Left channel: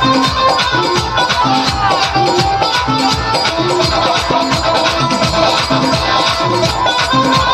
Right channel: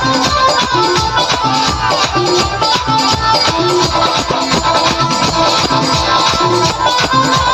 Oh